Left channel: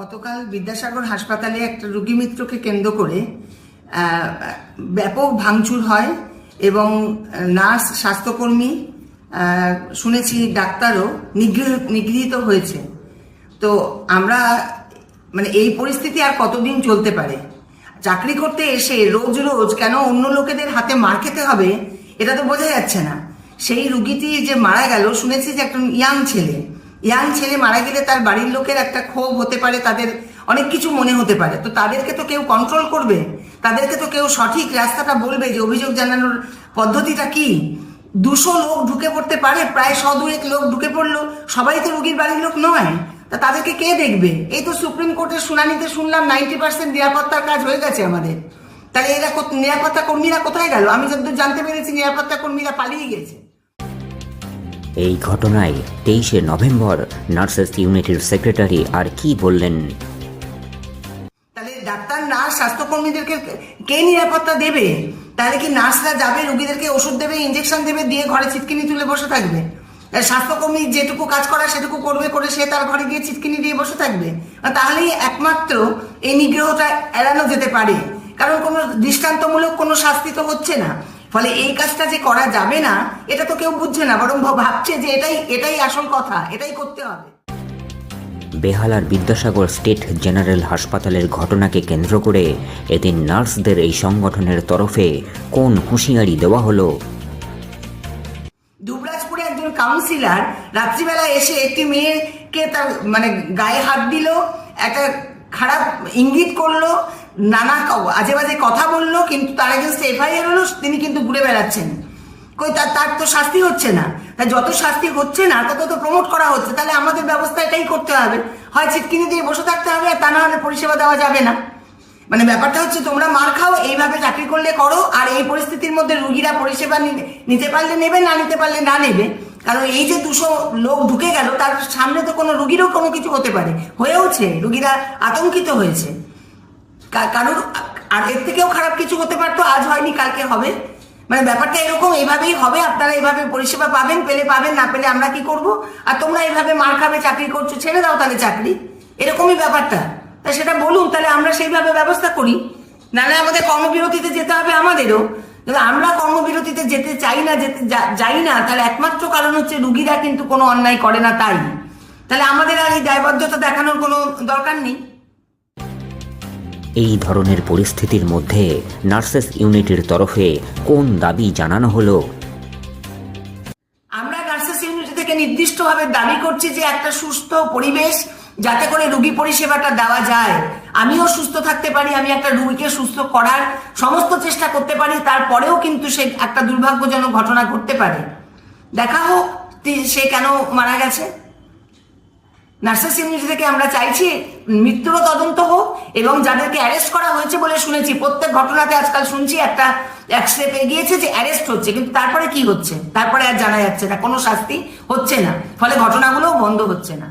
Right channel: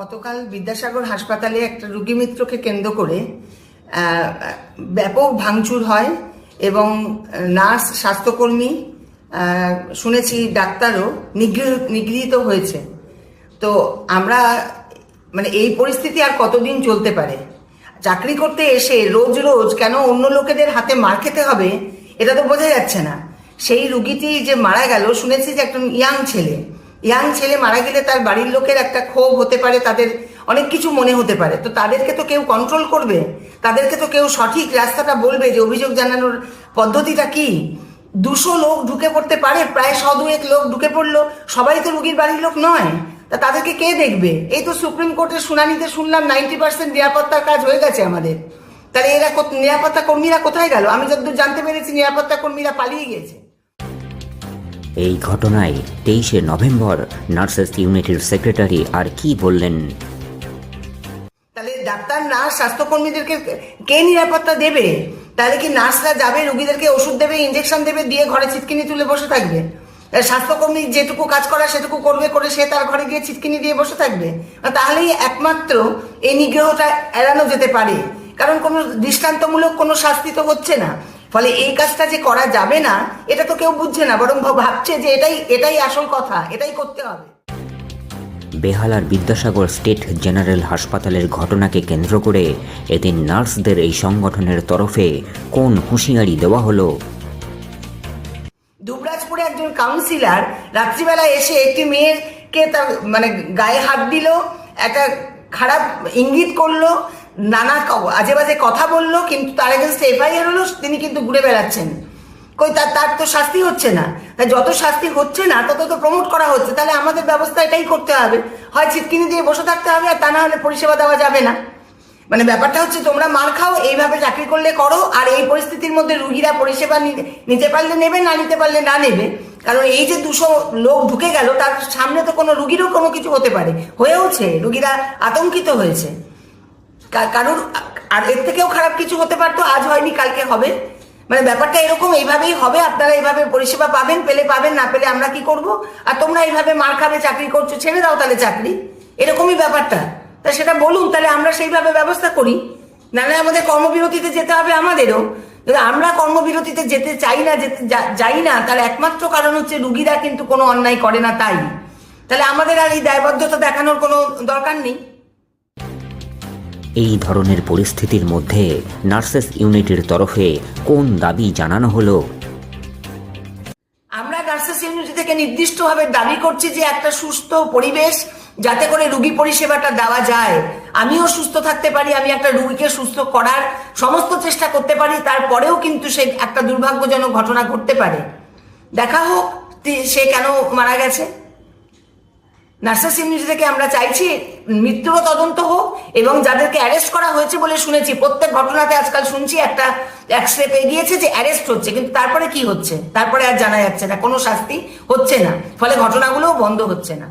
গতকাল বিদ্যাসাগর হাসপাতালে একটা রোগী মিত্রকে কেন্দ্র করে ব্যাপক ভাঙচুর হয় এবং নার্স, স্বাস্থ্যকর্মী শুনেছি ডাক্তারও নিগৃহীত হয়েছে। তো আমরা মানে এই পরিস্থিতি আর কতদিন চলতে পারে? চাকরি করতে এসে রোজ রোজ কেন অন্য লোকেদের হাতে মার খেতে হবে, এটা তো বোঝা যাচ্ছে না। সেই রুগীটি যে মারা গেল, শুনেছি যে একটা ইয়াং ছেলে। ইয়াং ছেলে মারা গেলে তার বাড়ির লোকের একটা ক্ষোভ হতে পারে, তাদের অনেক কিছু মনে হতে পারে। তো তাদেরকে তো কেউ কন্ট্রোল করবে। তাদেরকে তো কেউ সঠিক রাস্তাটা বলবে যে অভিযোগ জানানোর পদ্ধতিটা কি? দুশো লোক ঢুকে পড়তে পারে, প্রায় শ দুয়েক লোক ঢুকে পড়ল। সবাই তো রুগীর বাড়ির লোক নয়। তা তাদেরকে কে দেখবে? এই তো সুপ্রিম কোর্টের শুনানিতে শুনলাম নাইনটি পার্সেন্ট নিরাপত্তার কাজ হয়ে গেছে আমাদের। তাহলে এরা নিরাপত্তা কর্মীরা কোথায় গেল? আমি যতদূর জানতে পেরেছি, নিরাপত্তা কর্মীরা পালিয়ে গেছে এই ঘটনায় তেইশে নভেম্বর নার্সেস ইউনিটির সেক্রেটারি আর কি বললেন? তাহলে ডাক্তার, নার্স, স্বাস্থ্যকর্মীদেরকে কে নিরাপত্তা দেবে? তাহলে কি নার্সরা যাবে, রুগীদেরকে ওষুধ দেবে ইঞ্জেকশন দেবে, দিয়ে ঘরে ছিটকিনি তুলে বসে থাকবে? স্বাস্থ্যকর্মী যেটুকু কাজ করা, সেটুকু করবে করে সে তার ঘরে গিয়ে ছিটকিনি দিয়ে বসে থাকবে? তাহলেই একমাত্র এই নিগ্রহটা এড়ানো যেতে পারে। কারণ কোনো দৃষ্টান্তমূলক কোনো শাস্তি তো হচ্ছে না। ফলে এই কাজটা যে করা যাবে না এটা তো কেউ বুঝছে না বরং ভাবছে যে এটাই এটাই আসল কথা এটাই করতে হবে। বেহালার বিদ্যাসাগর স্টেট জেনারেল হাসপাতালের ঘটনাকে কেন্দ্র করে এদিন নার্সদের এই সংগঠনের তরফে কোন হুঁশিয়ারি দেওয়া হলো? দুবরাজপুরে একজন কাউন্সিলর রাত্রিবেলা এসে একটি মেয়েকে তার মানে গায়ে হাত দিল একটা খারাপ ইঙ্গিত করল নানা আজে বাজে কথা বলল, কিন্তু তার এগেন্স্টে এফআইআর হলো তিনি কিন্তু ঘুরে বেড়াচ্ছেন। কই তার তার তো শাস্তি হচ্ছে না। তাই যত শাস্তি হচ্ছে না, তত তো প্রমোট করা হচ্ছে। তাহলে আমাদের ব্যবস্থা এটাই করতে হবে। হয় চিটকিনি দিয়ে বসে থাকতে হবে, আর তা না হলে পরিষেবা দেওয়া যাবে না। মানে ব্যাপারটা হচ্ছে তোমরা মার খাও, এইভাবে চাকরি করলে করো, আর এই পরিস্থিতির মধ্যে রুগীরা পরিষেবা নিতে পারলে নেবে, না নিতে পারলে না নেবে। কারণ এই যে দুশো লোক ঢুকে গেল, তার সামনে তো কোনো রুগীরও কোনো কিছু হতে পারে। হয়েওছে, রুগীরা আতঙ্কিত হয়েছে। কা- কারোর আর এর থেকেও খারাপ কিছু হতে পারতো আজ হয়নি, কালকে হবে। মানে ব্যাপারটা এরকম, এইভাবেই হবে, আপনারা এইভাবে পরিষেবা পাবেন, পেলে পাবেন, না পেলে আমরা কি করব? আর তোমরা এইভাবে মার খাবে, চাকরি করছ, ছেড়ে দাও তাহলে চাকরি। এরকমই ব্যাপারটা। তা সেটা বলুন, তাহলে আমরা সেইভাবে ব্যবস্থা করি। নাহলে আমাদের কর্মবিরতিতে যেতে হবে আমাদেরও। আমরা কর্মবিরতিতে যেতে চাই না, যেতে যাই না, তাহলে একমাত্র কারণ হচ্ছে রুগীরা কিন্তু কোনো অন্যায় করে না তাই। তাহলে আমাদের আর এই দায়বদ্ধতা দেখানোর কোনো দরকার নেই। এই ধরনের পরিস্থিতির মধ্যে নার্সেস ইউনিটের তরফে কোন দাবি জানানো হলো? আমরা নার্সেস ইউনিটি থেকে নির্দিষ্টভাবে দাবি করছি যে একটা সুস্থ পরিবেশ যাতে করে রুগী পরিষেবাটা দেওয়া যায়। আমিও সুস্থ থাকতে পারি, আমি একটা রুগীকে সুস্থ করার সমস্ত চেষ্টা করতে পারি, তারপরেও কিন্তু সে একটা দুর্ভাগ্যজনক ঘটনা ঘটতে পারে। দেখা হোক সে কেন মারা গেছে। নার্সেস ইউনিট থেকে আমরা চাইছি মৃত্যুরও তদন্ত হোক এবং যাদেরকে অ্যারেস্ট করা হয়েছে বলে শুনেছি, প্রত্যেক ঘটনাতে আজকাল শুনছি একটা অ্যাক্সিডেন্ট এগিয়েছে যে অ্যারেস্ট হচ্ছে, কিন্তু তারপরে কি হচ্ছে? তারপরে আর জানা যাচ্ছে না, কোনো শাস্তি হচ্ছে না, ফলে ঘটনাগুলোও বন্ধ হচ্ছে না।